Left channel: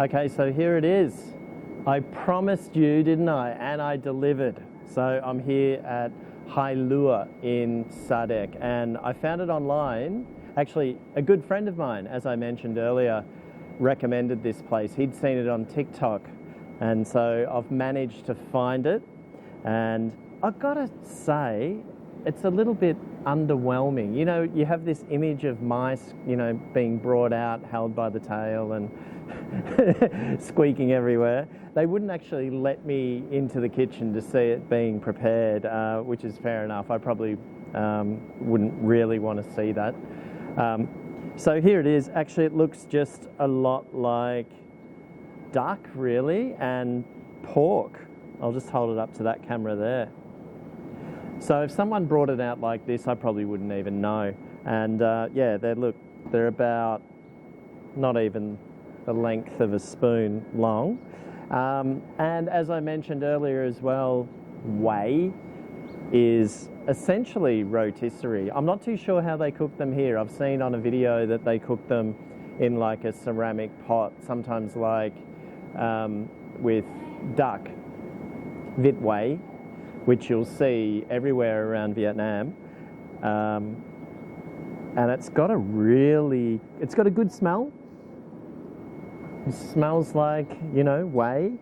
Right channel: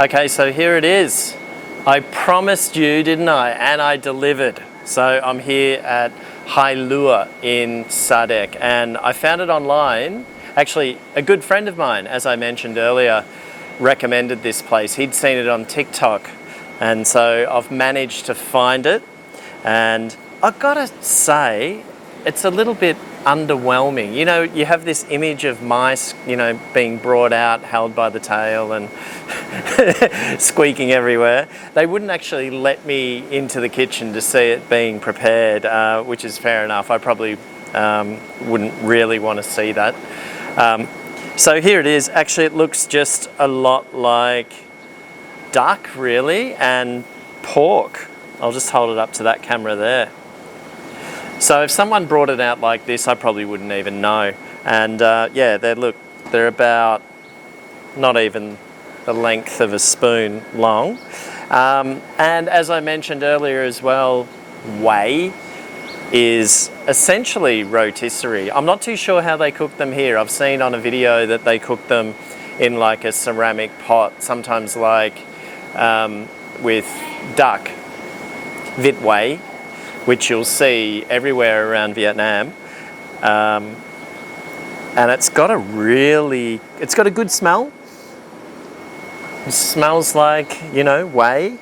Okay, so here it is. I promised you, didn't I? And I delivered. So I'm here at Lua in Sa Đéc, and I found it online. Actually, a good friend of mine, as I mentioned earlier, recommended this place. He'd seen it on TikTok, and so I've managed to find it. And I've got to say, it's a little bit underwhelming. You know, you have this image of mice, you know, being brought out, held by the tail and squeaking everywhere. They wouldn't actually let me into the kitchen to see it being prepared, which is fair enough. I probably wouldn't really want to see that. So here it is. Actually, it looks just a lot like duck, really, and pork. I'll just hold it up to that camera there. So if someone brought it out like this, I probably wouldn't even know. And yeah, they're about not even the length of a spoon long. And as I mentioned earlier as well, whey is essentially rotisserie. I'm not too sure how they cook them here. I've seen on a video that they cook them in like a ceramic pot, sometimes like with duck, vit whey, which you'll see everywhere around Vietnam. And it's got a good smell. It smells like, you know, whey.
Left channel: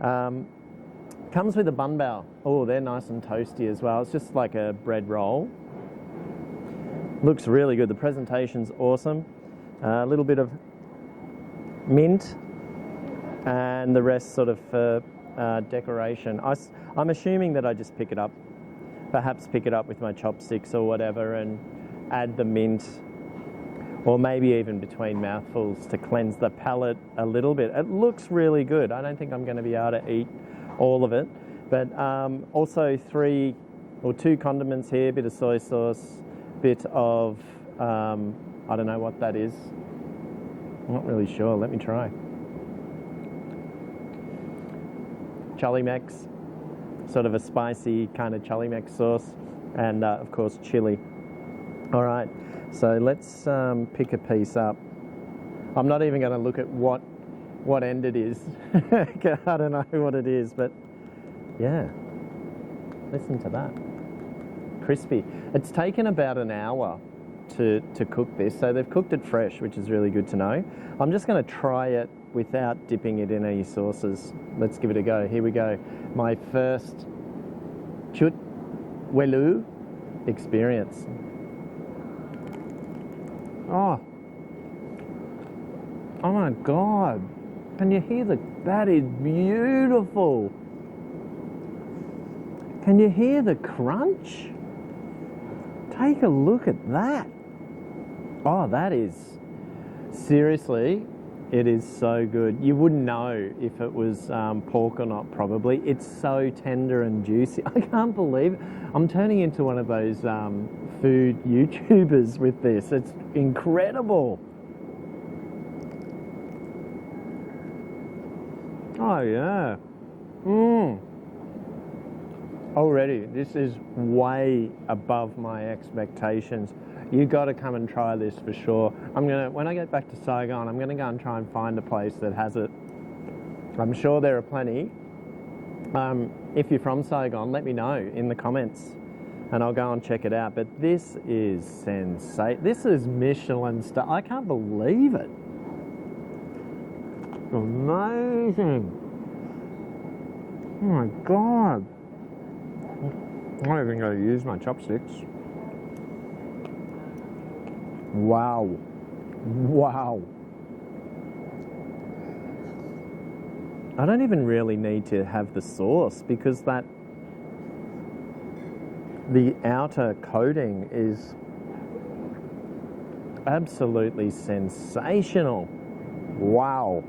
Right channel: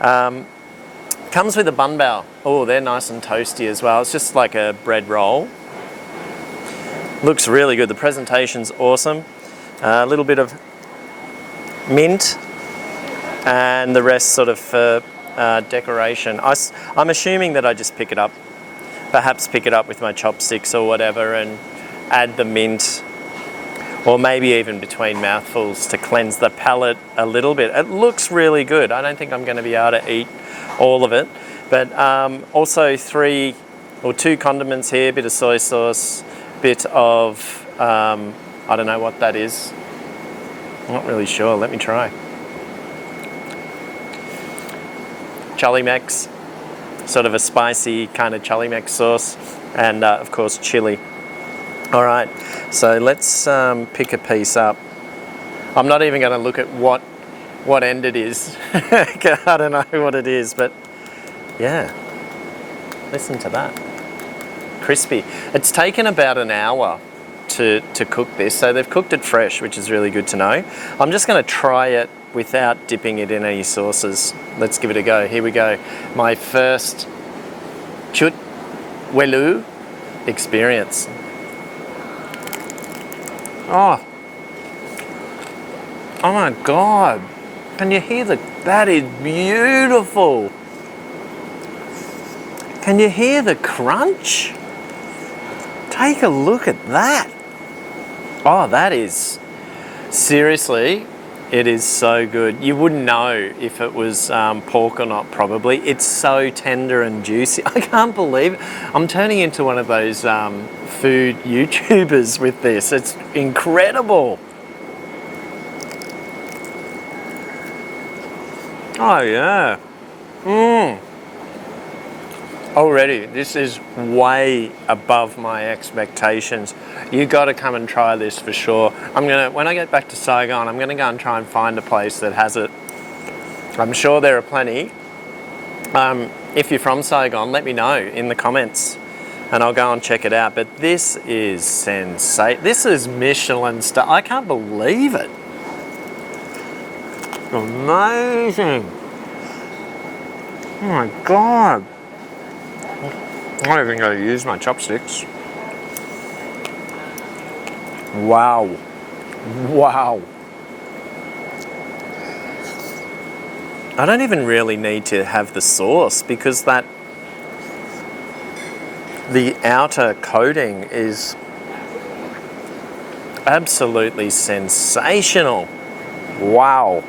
Comes with a bun bao. Oh, they're nice and toasty as well. It's just like a bread roll. Looks really good. The presentation's awesome. A little bit of mint and the rest sort of for decoration. I'm assuming that I just pick it up with my chopsticks or whatever and add the mint, or maybe even between mouthfuls to cleanse the palate a little bit. It looks really good. I don't think I'm going to be able to eat all of it, but also 2 condiments here, bit of soy sauce, bit of, I don't know what that is. I'm not really sure. Let me try. Chili Mex, sort of a spicy kind of chili Mex sauce, and of course chili. All right, so let's pick a piece up. I'm not even going to look at what end it is. I don't know what it is, but yeah, listen to that. Crispy. It's taken about an hour to cook this, so they've cooked it fresh, which is really good to know. I'm just going to try it without dipping it in any sauces. Let's give it a go. Here we go. My first Chuột Quay Lu experience. Oh my God. Can you hear that is beautiful. Can you hear the crunch? Take a look at that. Oh, that is, seriously, it is so good. You wouldn't know if it was pork or not, probably. It's so tender and juicy. I can't believe it. I'm turning into one of those food YouTubers with this. It's incredible. Oh, yeah. Already, this is way above my expectations. You got to come and try this for sure. When I get back to Saigon, I'm gonna go and try and find a place that has it. I'm sure there are plenty. If you're from Saigon, let me know in the comments, and I'll go and check it out. But this is sensational. This is Michelin star. I can't believe it. Amazing. Oh my God. I'm not even going to use my chopsticks. Wow. Wow. I don't even really need to have the sauce because the outer coating is absolutely sensational. Wow.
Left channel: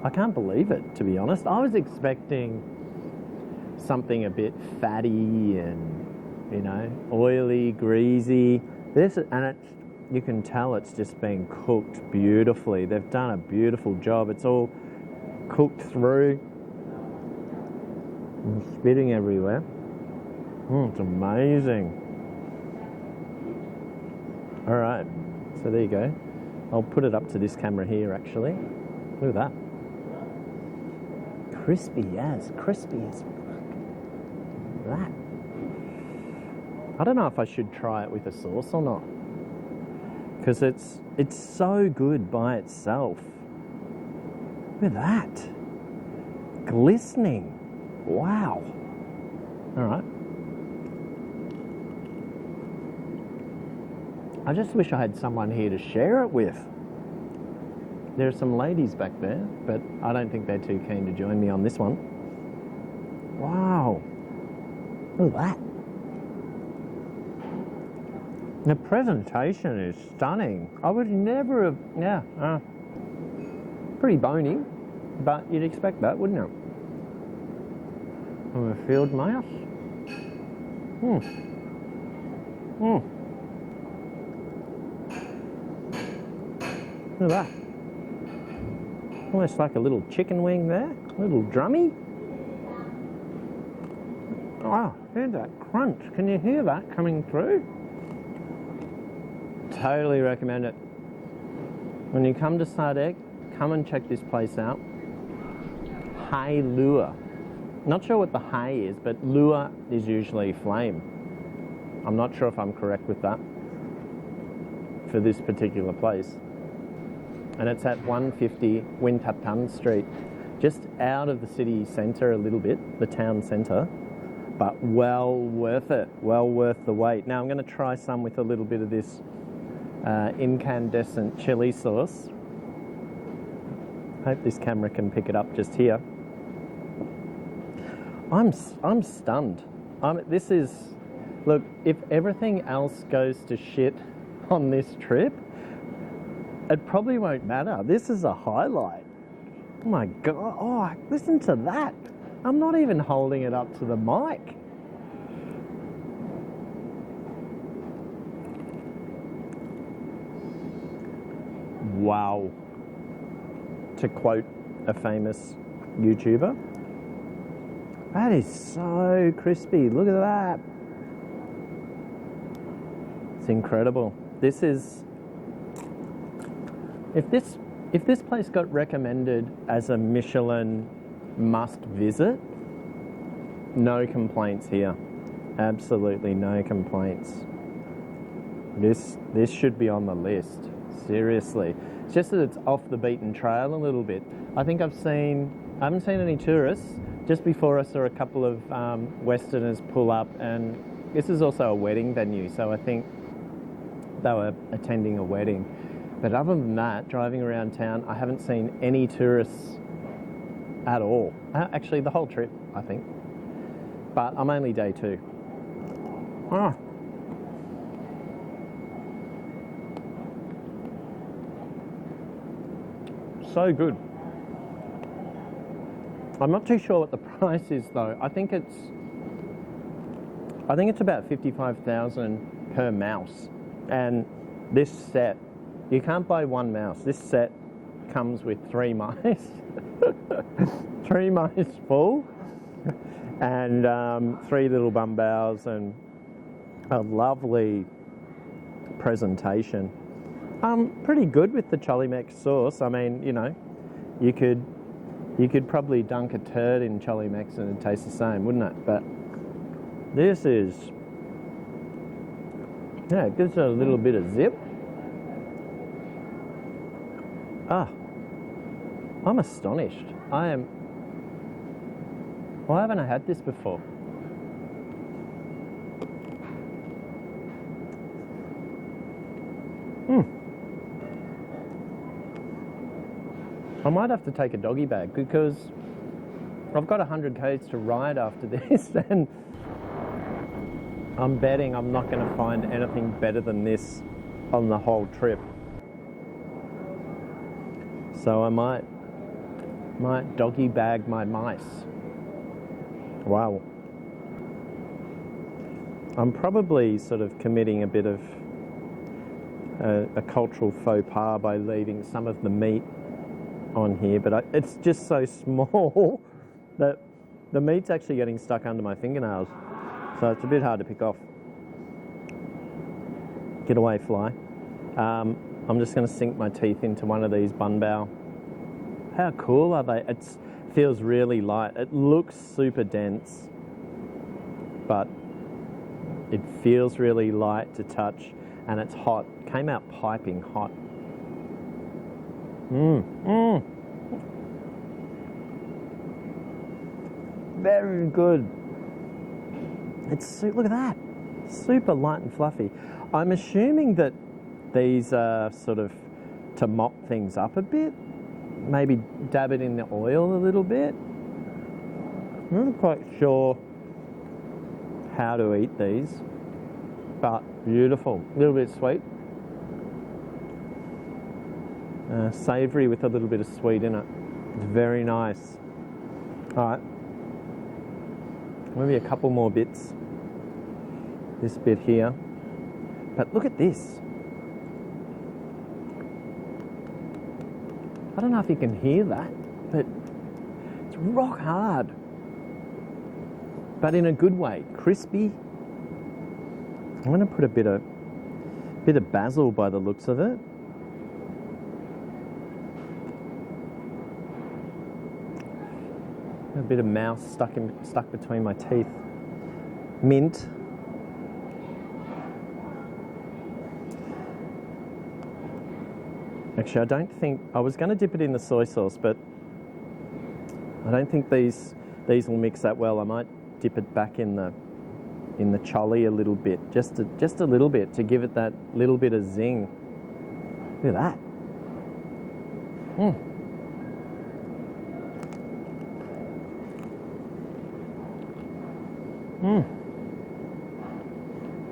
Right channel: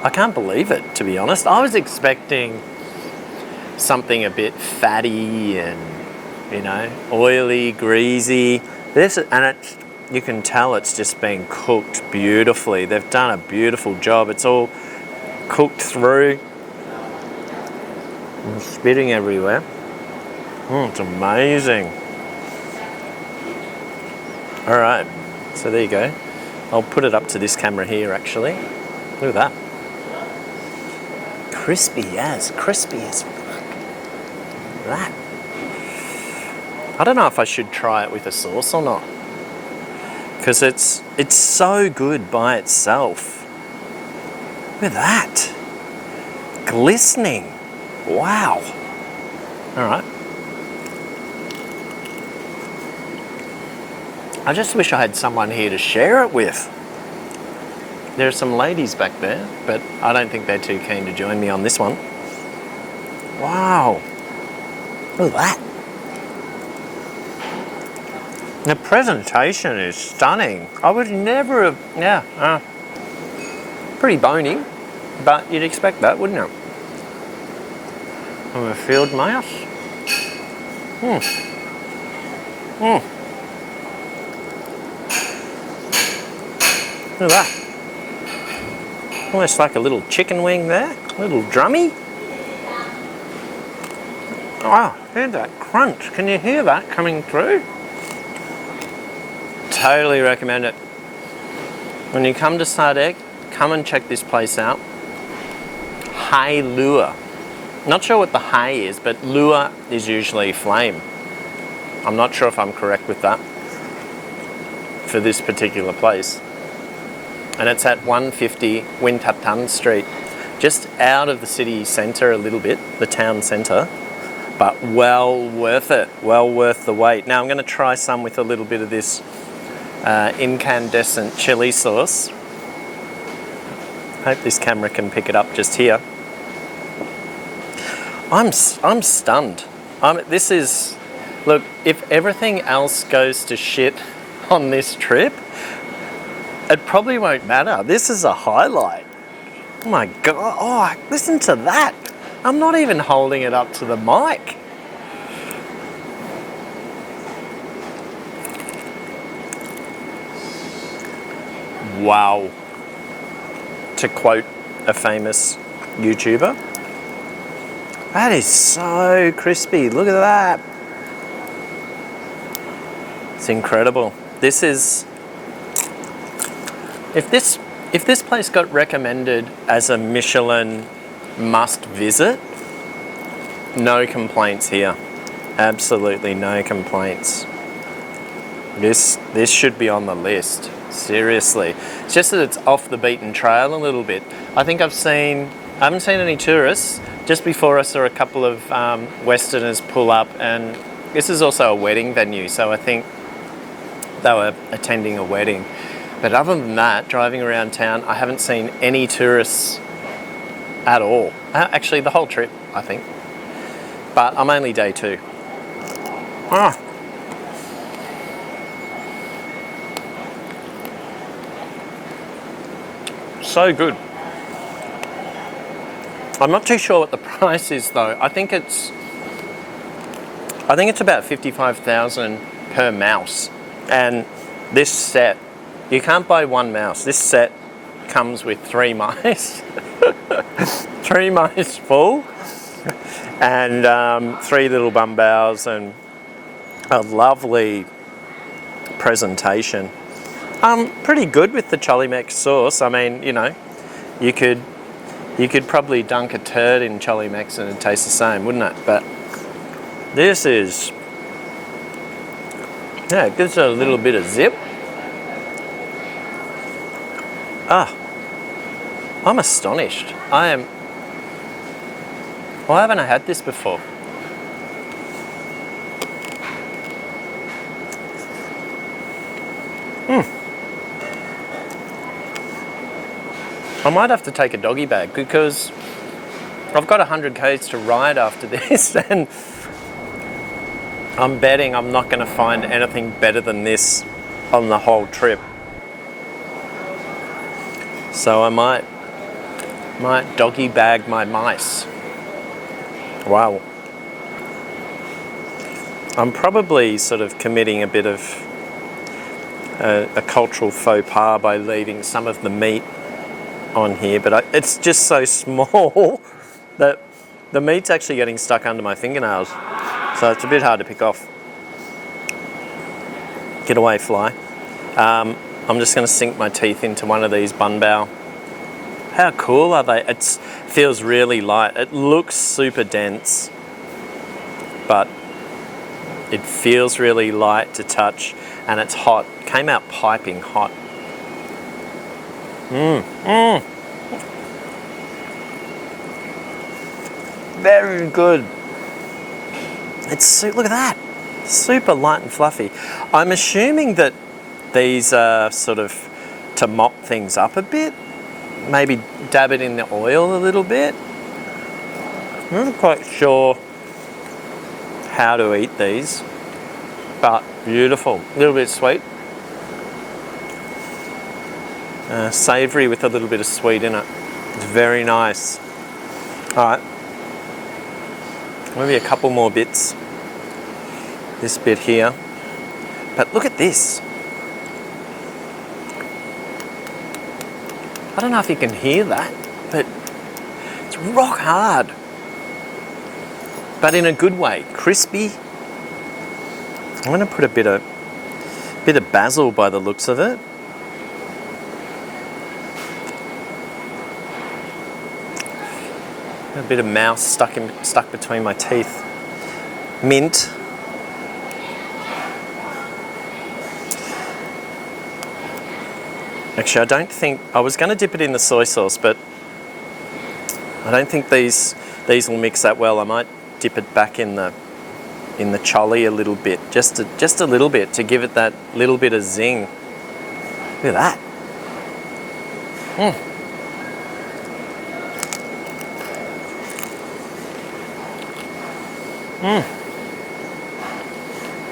I can't believe it, to be honest. I was expecting something a bit fatty and, you know, oily, greasy. You can tell it's just been cooked beautifully. They've done a beautiful job. It's all cooked through. I'm spitting everywhere. It's amazing. All right, So there you go. I'll put it up to this camera here, actually. Look at that. Crispy as fuck. That. I don't know if I should try it with a sauce or not, because it's so good by itself. Look at that. Glistening. Wow. All right. I just wish I had someone here to share it with. There are some ladies back there, but I don't think they're too keen to join me on this one. Wow. Look at that. The presentation is stunning. I would never have, pretty bony, but you'd expect that, wouldn't you? From a field mouse. Look at that. Almost like a little chicken wing there, a little drummy. Wow, hear that crunch. Can you hear that coming through? Totally recommend it. When you come to Sa Đéc, come and check this place out. Hai lure. Not sure what the hai is, but lure is usually flame. I'm not sure if I'm correct with that for this particular place. And it's at 150 Wintatan Street, just out of the city centre a little bit, the town centre, but well worth it, well worth the wait. Now I'm going to try some with a little bit of this incandescent chili sauce. Hope this camera can pick it up just here. I'm stunned. This is, look, if everything else goes to shit on this trip, it probably won't matter. This is a highlight. Oh my God. Oh, listen to that. I'm not even holding it up to the mic. Wow. To quote a famous YouTuber. That is so crispy. Look at that. It's incredible. This is... If this place got recommended as a Michelin must visit, no complaints here. Absolutely no complaints. This should be on the list. Seriously. It's just that it's off the beaten trail a little bit. I haven't seen any tourists. Just before I saw a couple of Westerners pull up, and this is also a wedding venue, so I think they were attending a wedding. But other than that, driving around town, I haven't seen any tourists at all. Actually, the whole trip, I think. But I'm only day 2. Ah. So good. I'm not too sure what the price is though. I think it's about 55,000 per mouse. And this set, you can't buy one mouse. This set comes with 3 mice. 3 mice full. And 3 little bumbows and a lovely presentation. Pretty good with the Cholimex sauce. I mean, you know, you could probably dunk a turd in Cholimex and it'd taste the same, wouldn't it? But this is, yeah, it gives it a little bit of zip. I'm astonished. Why haven't I had this before? I might have to take a doggy bag because I've got 100 k's to ride after this, and I'm betting I'm not going to find anything better than this on the whole trip. So I might doggy bag my mice. Wow. I'm probably sort of committing a bit of a cultural faux pas by leaving some of the meat on here, but it's just so small that the meat's actually getting stuck under my fingernails. So it's a bit hard to pick off. Get away, fly. I'm just going to sink my teeth into one of these bun bao. How cool are they? It feels really light. It looks super dense, but it feels really light to touch, and it's hot. Came out piping hot. Very good. Look at that. Super light and fluffy. I'm assuming that these are sort of to mop things up a bit. Maybe dab it in the oil a little bit. I'm not quite sure how to eat these, but beautiful. A little bit sweet. Savoury with a little bit of sweet in it. It's very nice. All right. Maybe a couple more bits. This bit here. But look at this. I don't know if you can hear that, but it's rock hard. But in a good way, crispy. I'm going to put a bit of basil by the looks of it. A bit of mouse stuck between my teeth. Mint. Actually, I don't think I was going to dip it in the soy sauce, but I don't think these will mix that well. I might dip it back in the chili a little bit, just a little bit to give it that little bit of zing. Look at that.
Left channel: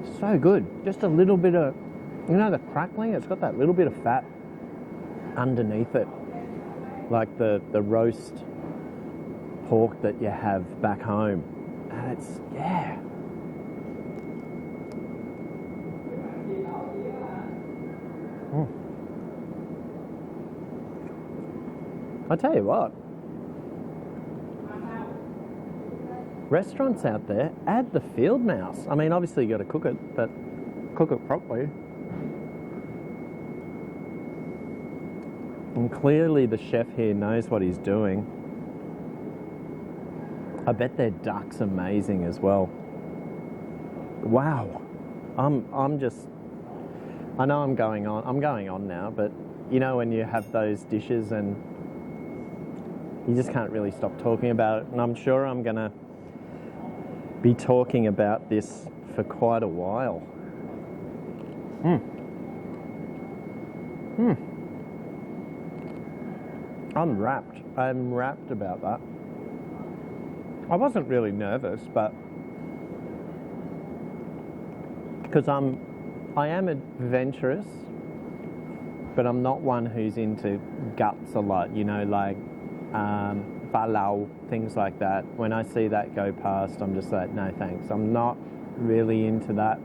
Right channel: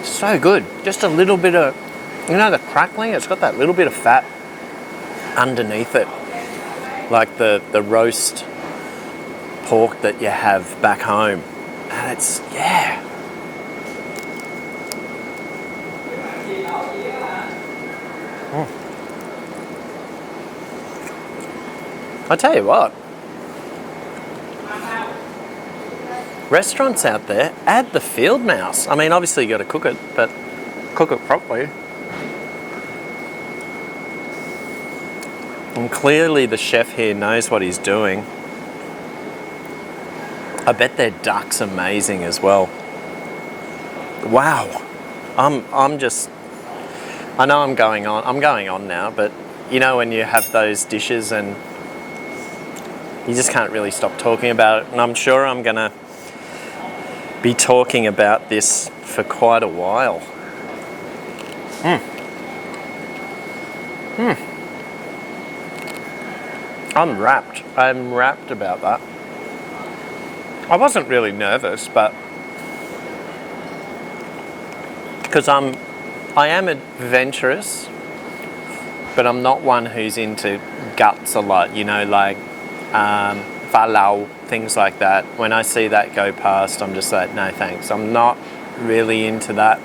So good. Just a little bit of, the crackling, it's got that little bit of fat underneath it. Like the roast pork that you have back home. And it's, yeah. I tell you what. Restaurants out there, add the field mouse. I mean, obviously you got to cook it, but cook it properly. And clearly the chef here knows what he's doing. I bet their duck's amazing as well. Wow. I'm just, I know I'm going on now, but you know when you have those dishes and you just can't really stop talking about it. And I'm sure I'm going to be talking about this for quite a while. I'm rapt about that. I wasn't really nervous, but because I am adventurous, but I'm not one who's into guts a lot, like falau, things like that. When I see that go past, I'm just like, no thanks. I'm not really into that.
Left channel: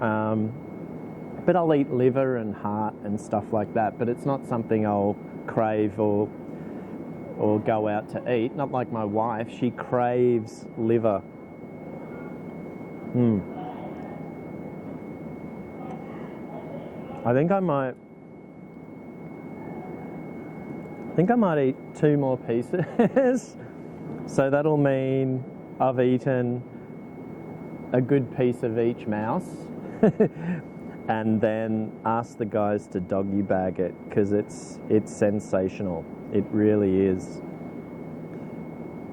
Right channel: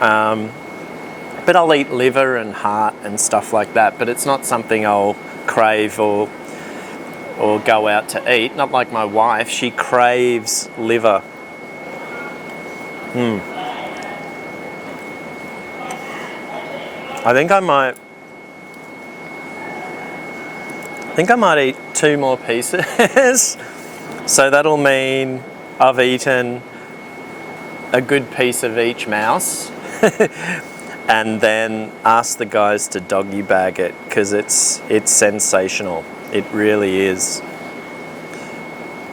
But I'll eat liver and heart and stuff like that, but it's not something I'll crave or go out to eat. Not like my wife, she craves liver. I think I might eat 2 more pieces. So that'll mean I've eaten a good piece of each mouse. And then ask the guys to doggy bag it, because it's sensational. It really is.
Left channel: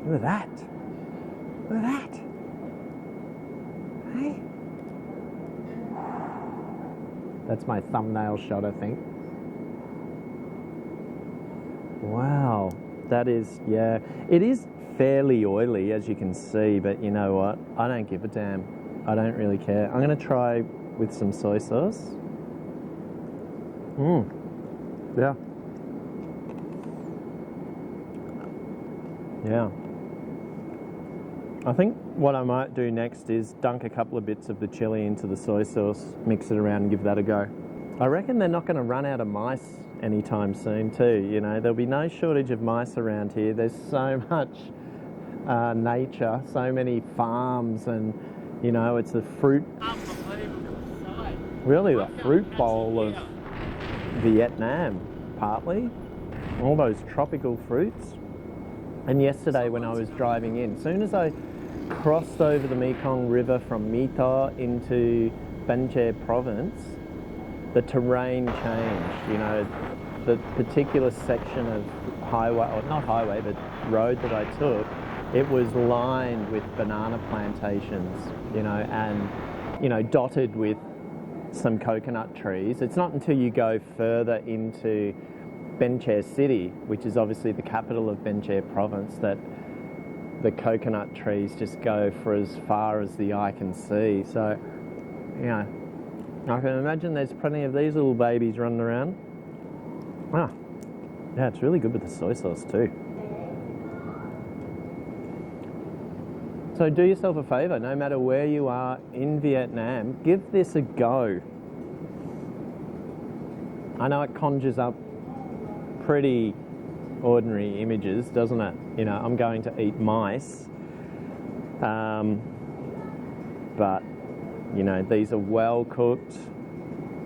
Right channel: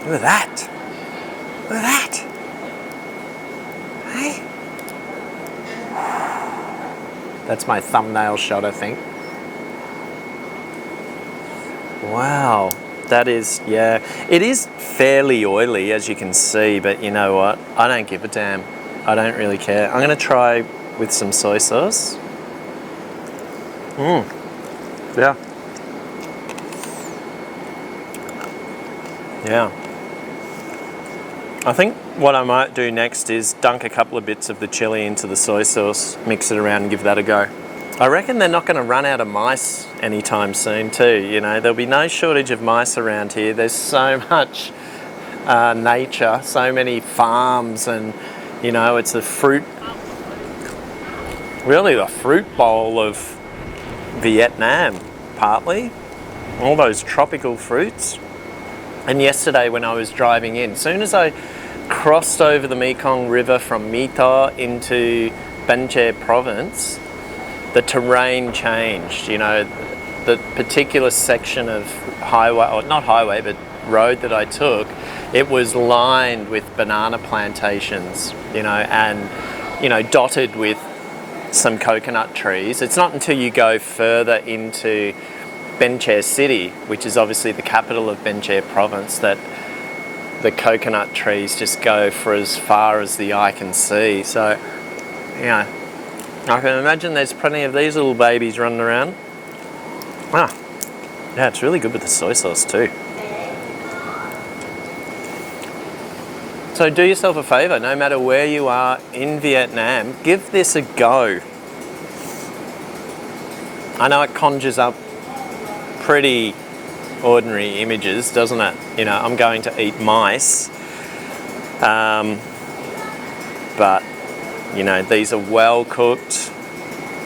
Look at that. Look at that. Hey. That's my thumbnail shot, I think. Wow. That is, yeah. It is fairly oily, as you can see, but you know what? I don't give a damn. I don't really care. I'm going to try with some soy sauce. Yeah. Yeah. I think what I might do next is dunk a couple of bits of the chili into the soy sauce, mix it around and give that a go. I reckon they're not going to run out of mice anytime soon too. There'll be no shortage of mice around here. There's so much nature, so many farms, and it's a fruit. really the fruit bowl of Vietnam, partly. All those tropical fruits. And yesterday when I was driving in, as soon as I crossed over the Mekong River from Mito into Ban Che province, the terrain changed. You know, the particular section of highway, or not highway, but road that I took, it was lined with banana plantations, you know, and, you know, dotted with some coconut trees. It's not until you go further into Ban Che city, which is obviously the capital of Ban Che province, that the coconut trees just go for as far as the eye can see. So, you know, I can imagine there's plenty of these little babies running around. Ah, yeah, it's really good with the soy sauce too. So do yourself a favour, no matter where you are in Vietnam, give this a go. I know it conjures up pretty ordinary images, doesn't it? You know, I'm going to eat mice. But, you know, these are well cooked,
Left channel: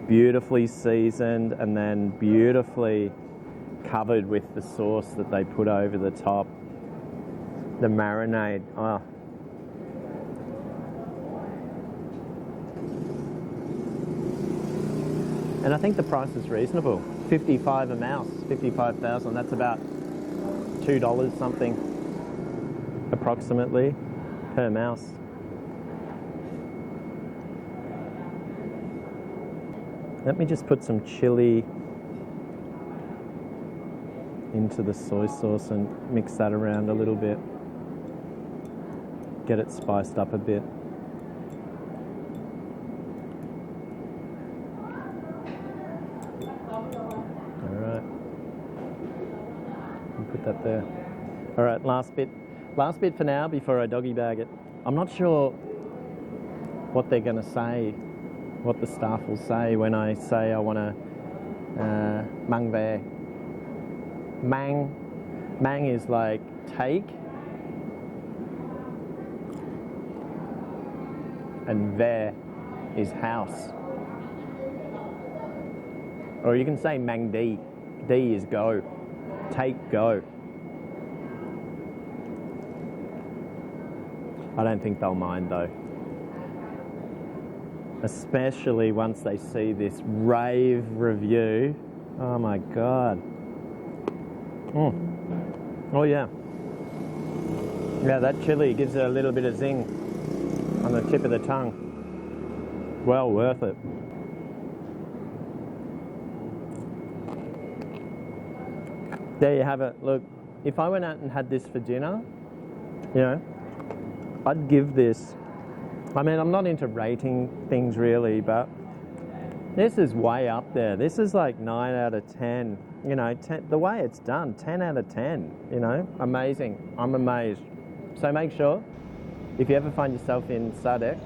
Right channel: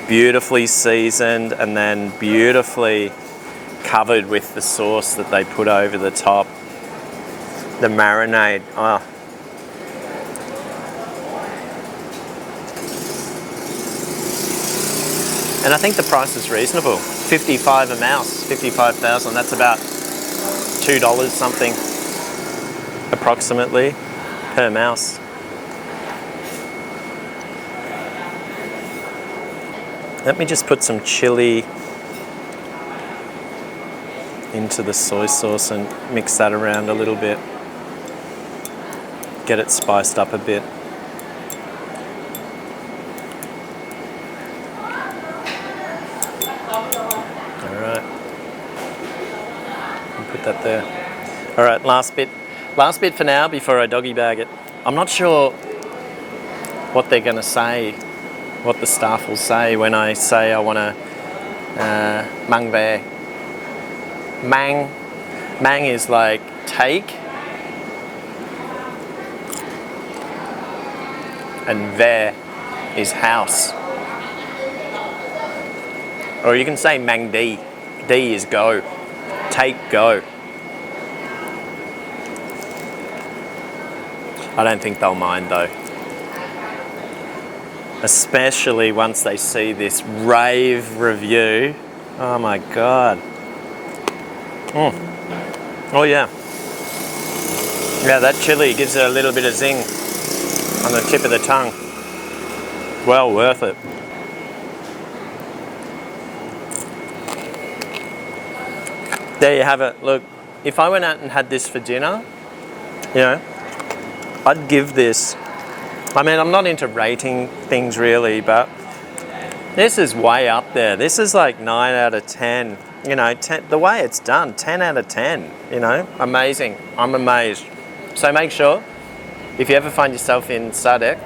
beautifully seasoned, and then beautifully covered with the sauce that they put over the top. The marinade, oh. And I think the price is reasonable. 55 a mouse, 55,000. That's about $2 something, approximately, per mouse. Let me just put some chili into the soy sauce and mix that around a little bit. Get it spiced up a bit. That there. All right, last bit for now before I doggy bag it. I'm not sure what they're going to say, what the staff will say when I say I want to mang ve. Mang is like take, and ve is house. Or you can say mang di. Di is go. Take, go. I don't think they'll mind though. Especially once they see this rave review. Oh my God. Oh yeah. Yeah, that chili gives it a little bit of zing on the tip of the tongue. Well worth it. There you have it. Look, if I went out and had this for dinner, you know, I'd give this, I mean, I'm not into rating things really, but this is way up there. This is like 9 out of 10. You know, the way it's done, 10 out of 10, you know, amazing. I'm amazed. So make sure, if you ever find yourself in Sa Đéc,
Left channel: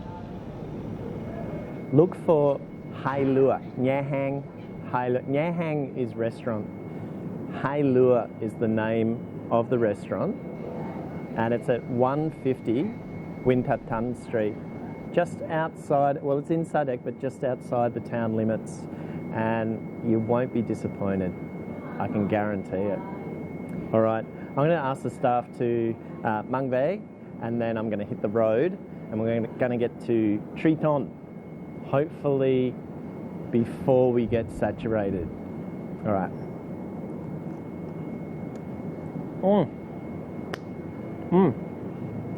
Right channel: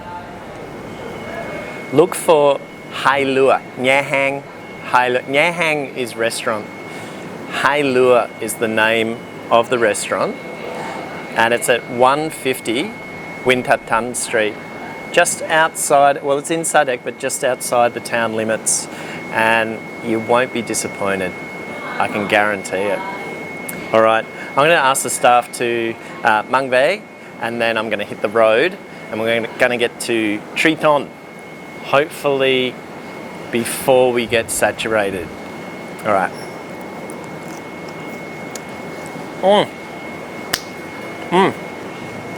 look for Hai Lua, Nha Hang. Nha Hang is restaurant. Hai Lua is the name of the restaurant, and it's at 150 Win Tat Tan Street, just outside, well, it's in Sa Đéc, but just outside the town limits, and you won't be disappointed. I can guarantee it. All right, I'm going to ask the staff to mang ve, and then I'm going to hit the road, and we're going to get to Triton, hopefully before we get saturated. All right.